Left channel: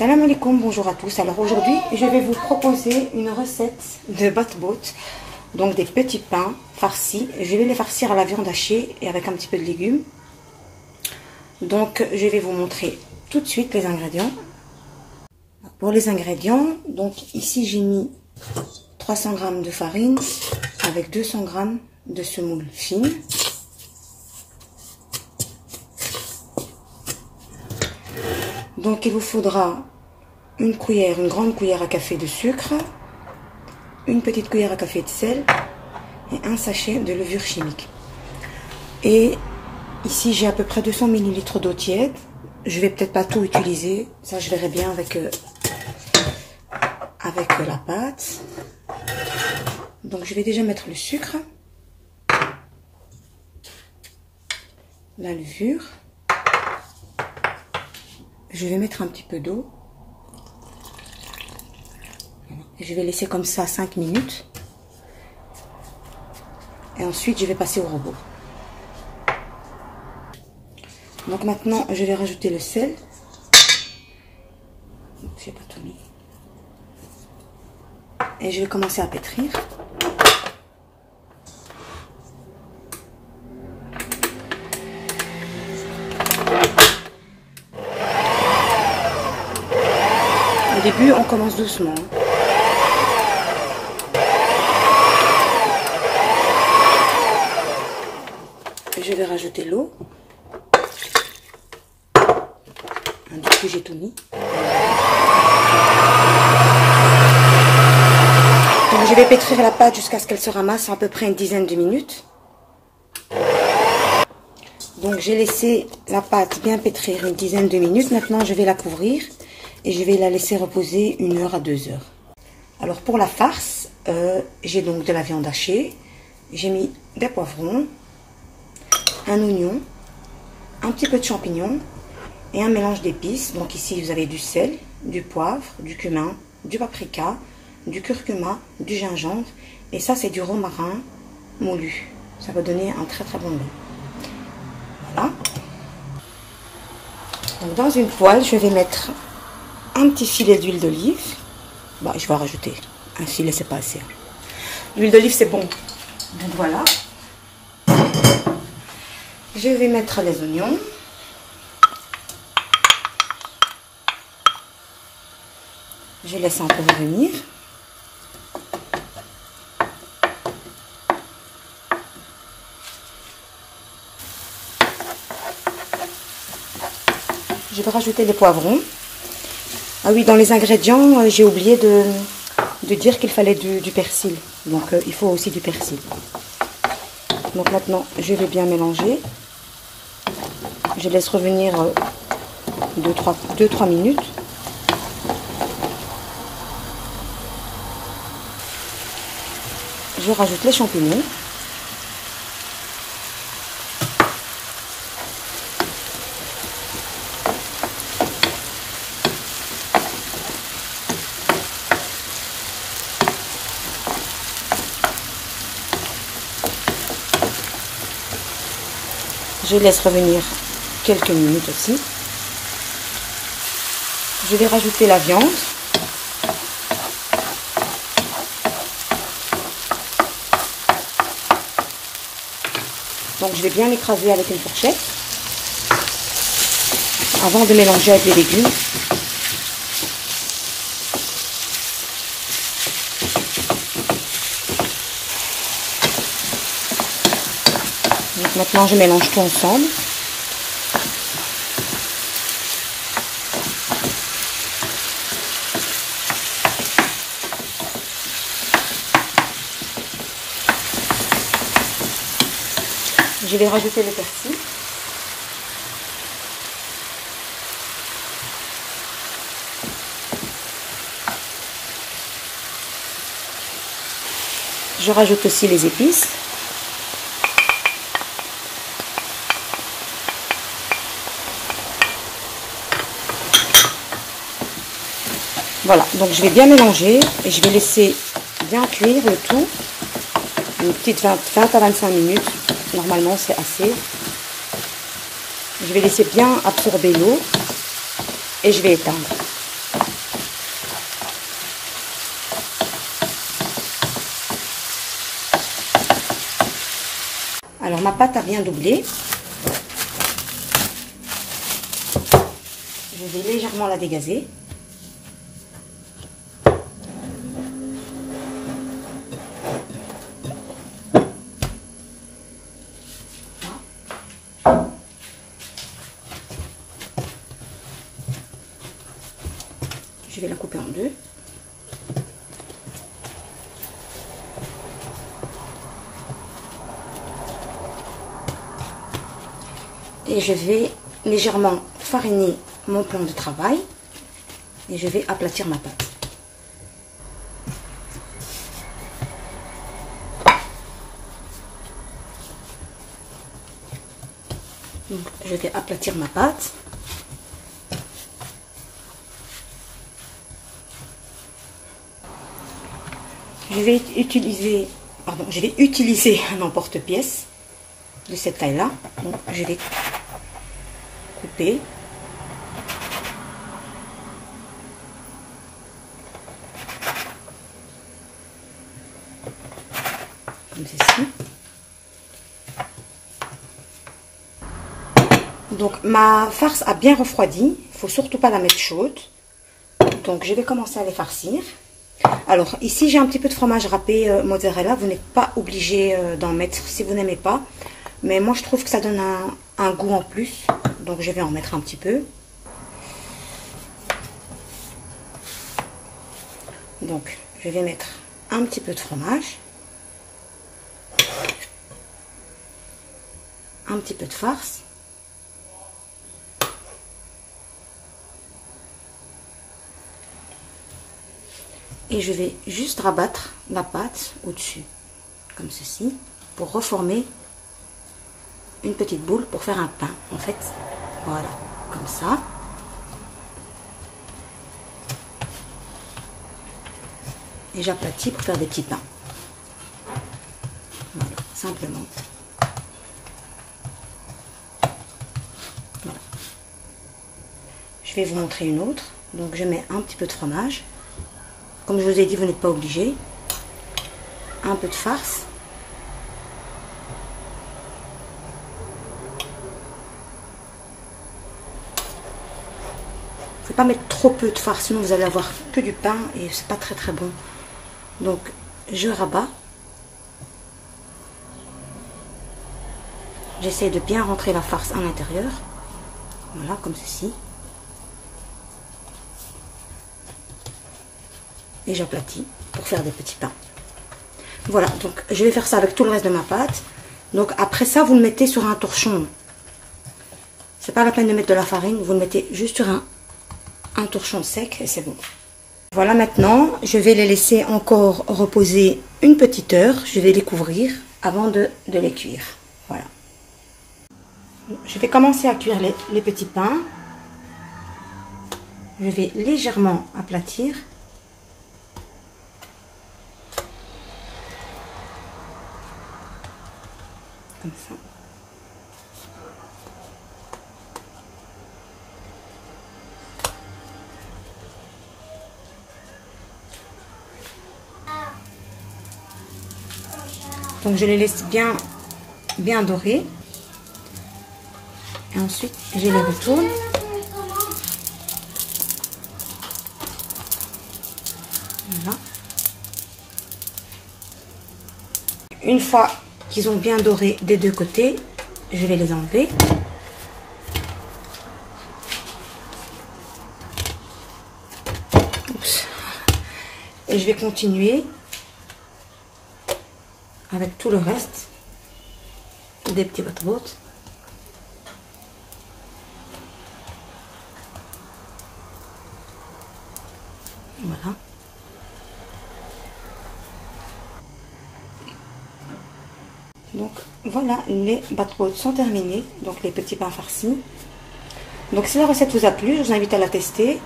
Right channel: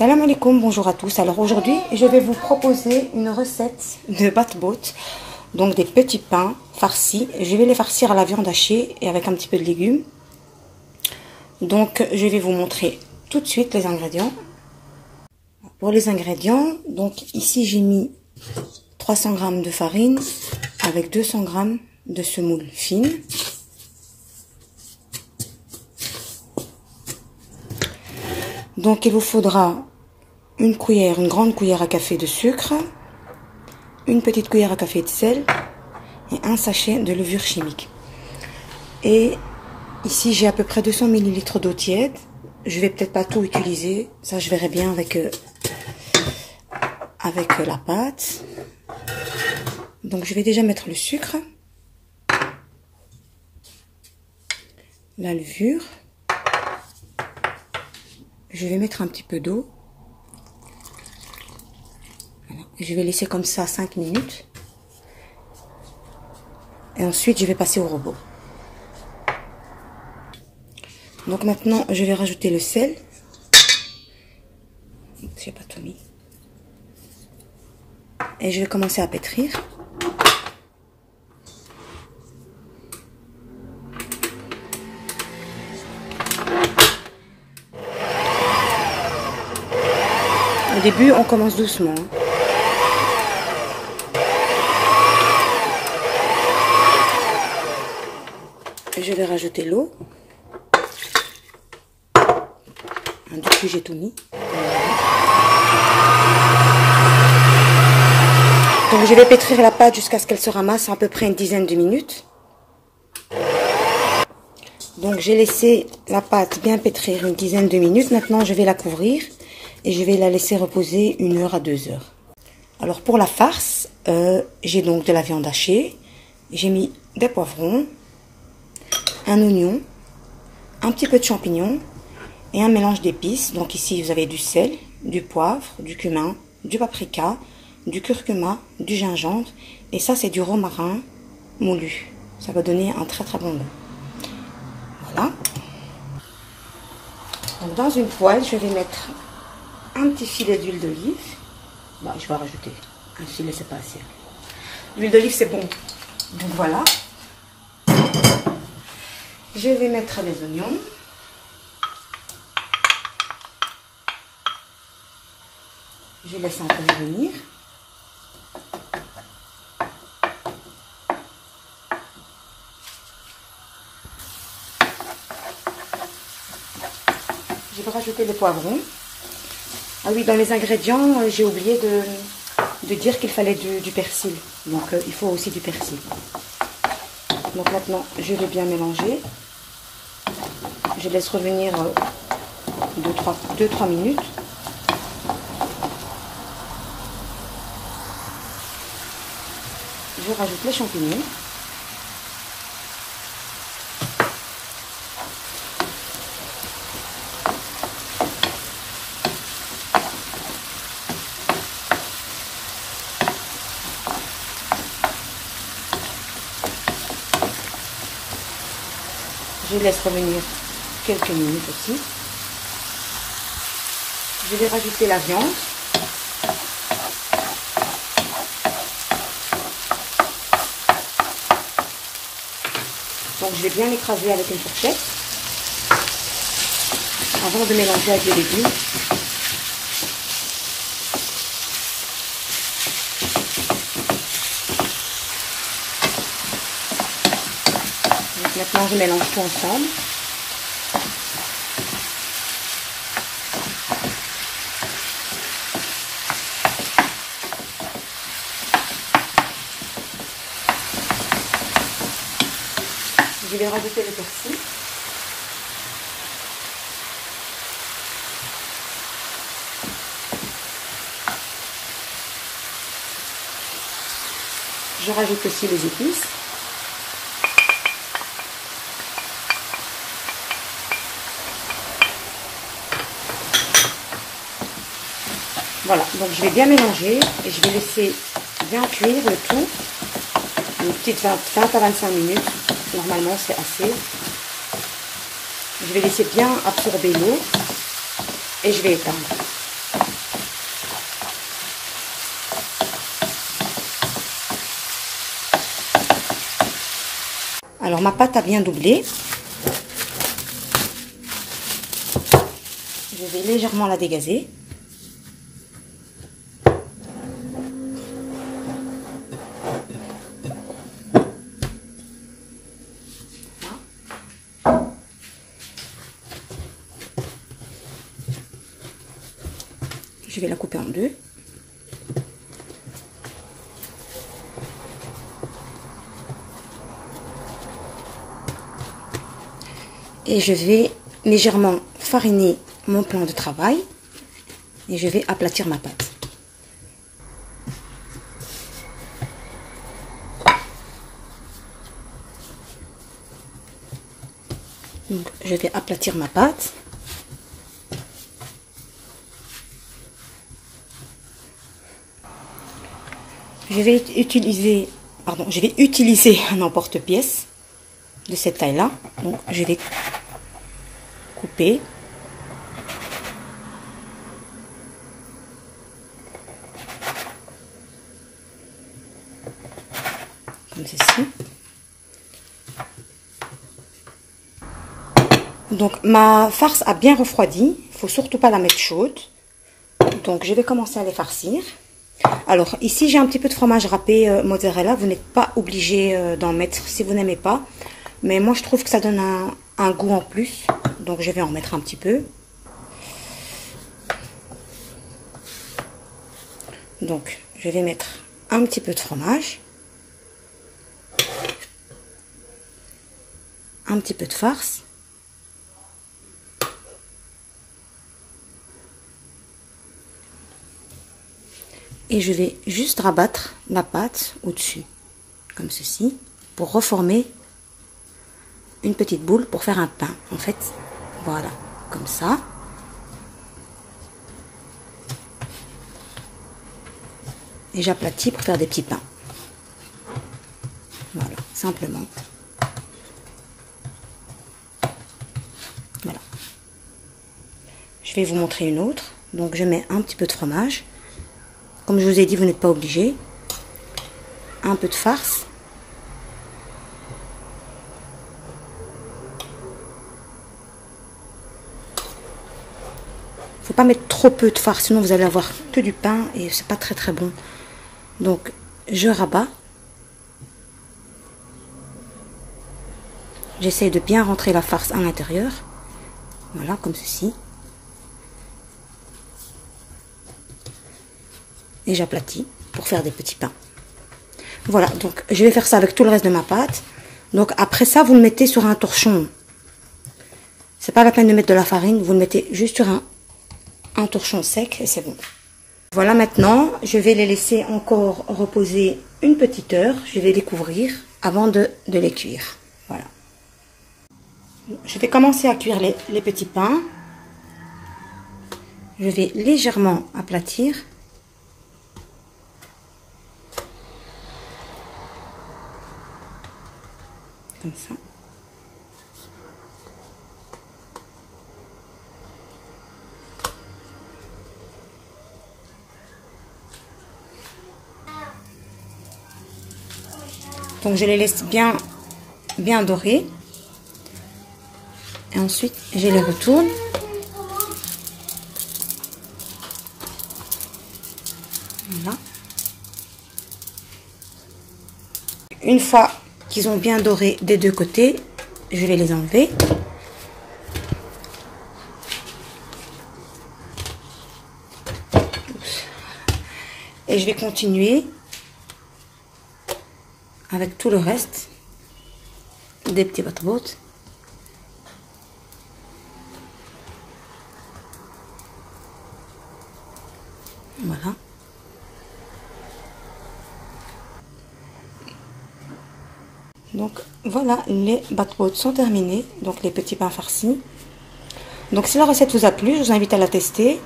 Salam alaikum, bonjour à tous. Alors aujourd'hui, je vais vous proposer une recette de batbout, donc des petits pains farcis. Je vais les farcir à la viande hachée et avec un petit peu de légumes. Donc je vais vous montrer tout de suite les ingrédients. Pour les ingrédients, donc ici j'ai mis 300 g de farine avec 200 g de semoule fine. Donc il vous faudra une grande cuillère à café de sucre, une petite cuillère à café de sel et un sachet de levure chimique. Et ici j'ai à peu près 200 ml d'eau tiède. Je vais peut-être pas tout utiliser, ça je verrai bien avec la pâte. Donc je vais déjà mettre le sucre, la levure. Je vais mettre un petit peu d'eau. Je vais laisser comme ça 5 minutes. Et ensuite, je vais passer au robot. Donc maintenant, je vais rajouter le sel. J'ai pas tout mis. Et je vais commencer à pétrir. Au début, on commence doucement. Je vais rajouter l'eau. Depuis, j'ai tout mis. Donc, je vais pétrir la pâte jusqu'à ce qu'elle se ramasse à peu près une dizaine de minutes. Donc, j'ai laissé la pâte bien pétrir une dizaine de minutes. Maintenant, je vais la couvrir. Et je vais la laisser reposer 1 heure à 2 heures. Alors pour la farce, j'ai donc de la viande hachée, j'ai mis des poivrons, un oignon, un petit peu de champignons et un mélange d'épices. Donc ici vous avez du sel, du poivre, du cumin, du paprika, du curcuma, du gingembre et ça c'est du romarin moulu. Ça va donner un très bon goût. Voilà. Donc dans une poêle, je vais mettre un petit filet d'huile d'olive. Bon, je vais rajouter un filet, c'est pas assez. L'huile d'olive, c'est bon. Donc voilà. Je vais mettre les oignons. Je laisse un peu revenir. Je vais rajouter les poivrons. Ah oui, dans les ingrédients, j'ai oublié de dire qu'il fallait du persil. Donc, il faut aussi du persil. Donc maintenant, je vais bien mélanger. Je laisse revenir 2-3 minutes. Je rajoute les champignons. Je laisse revenir quelques minutes aussi. Je vais rajouter la viande. Donc je vais bien l'écraser avec une fourchette avant de mélanger avec les légumes. Donc maintenant je mélange tout ensemble. Je vais rajouter le persil. Je rajoute aussi les épices. Voilà, donc je vais bien mélanger et je vais laisser bien cuire le tout. Une petite 20 à 25 minutes. Normalement, c'est assez. Je vais laisser bien absorber l'eau et je vais éteindre. Alors ma pâte a bien doublé. Je vais légèrement la dégazer. Je vais la couper en deux. Et je vais légèrement fariner mon plan de travail. Et je vais aplatir ma pâte. Donc, je vais aplatir ma pâte. Je vais utiliser un emporte-pièce de cette taille-là. Donc, je vais couper. Comme ceci. Donc, ma farce a bien refroidi. Il ne faut surtout pas la mettre chaude. Donc, je vais commencer à les farcir. Alors, ici, j'ai un petit peu de fromage râpé mozzarella. Vous n'êtes pas obligé d'en mettre si vous n'aimez pas. Mais moi, je trouve que ça donne un goût en plus. Donc, je vais en mettre un petit peu. Donc, je vais mettre un petit peu de fromage. Un petit peu de farce. Et je vais juste rabattre la pâte au-dessus, comme ceci, pour reformer une petite boule pour faire un pain. En fait, voilà, comme ça. Et j'aplatis pour faire des petits pains. Voilà, simplement. Voilà. Je vais vous montrer une autre. Donc, je mets un petit peu de fromage. Comme je vous ai dit, vous n'êtes pas obligé. Un peu de farce. Il ne faut pas mettre trop peu de farce, sinon vous allez avoir que du pain et c'est pas très très bon. Donc, je rabats. J'essaie de bien rentrer la farce à l'intérieur. Voilà, comme ceci. Et j'aplatis pour faire des petits pains. Voilà, donc je vais faire ça avec tout le reste de ma pâte. Donc après ça, vous le mettez sur un torchon. C'est pas la peine de mettre de la farine, vous le mettez juste sur un torchon sec et c'est bon. Voilà, maintenant, je vais les laisser encore reposer une petite heure. Je vais les couvrir avant de les cuire. Voilà. Je vais commencer à cuire les petits pains. Je vais légèrement aplatir. Comme ça. Donc je les laisse bien dorés. Et ensuite je les retourne. Voilà. Une fois qu'ils ont bien doré des deux côtés, je vais les enlever. Oups. Et je vais continuer avec tout le reste des petits battements. Voilà. Donc voilà, les battements sont terminés, donc les petits pains farcis. Donc si la recette vous a plu, je vous invite à la tester,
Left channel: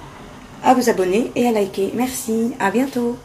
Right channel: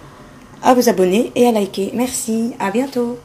à vous abonner et à liker. Merci, à bientôt.